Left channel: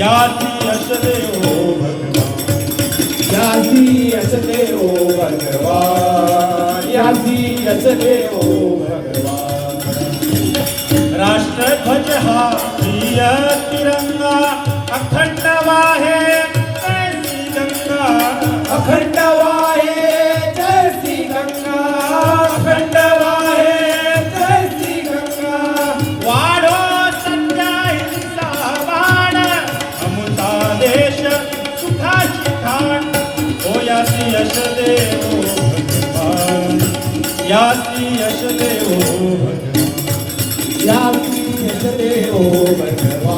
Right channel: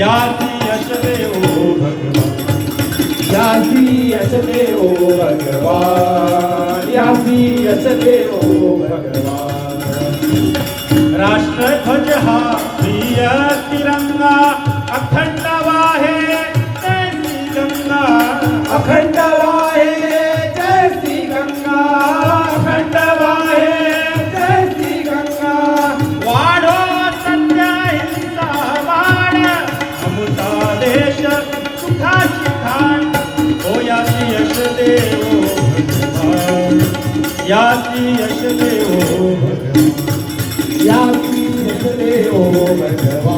यासी असते ओ भगवा राष्ट्रध्वज हा प्रिय तिरंगा अखंड वाहे गंगा अखंड याची यशले ओ भगवा याची यशले ओ भगवा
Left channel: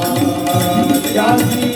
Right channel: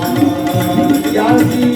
याची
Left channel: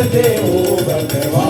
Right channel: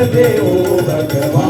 recebeu o.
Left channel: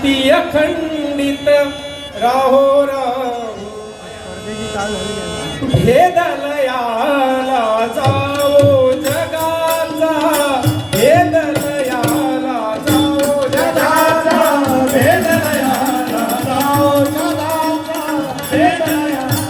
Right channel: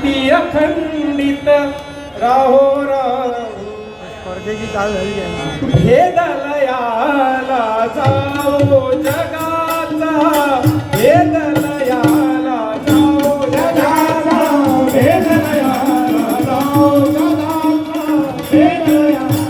भक्ती अखंडित राहो राहू. हे दलयाला जाओ जगाचा. हे दल Yeah.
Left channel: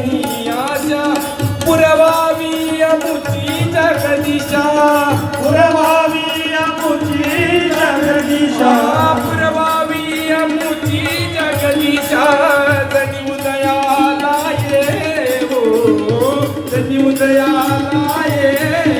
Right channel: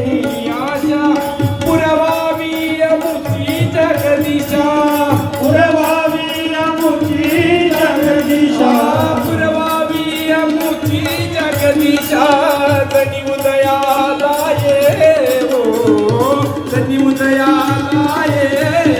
ਮੁਦਿਆ ਲਾਏ।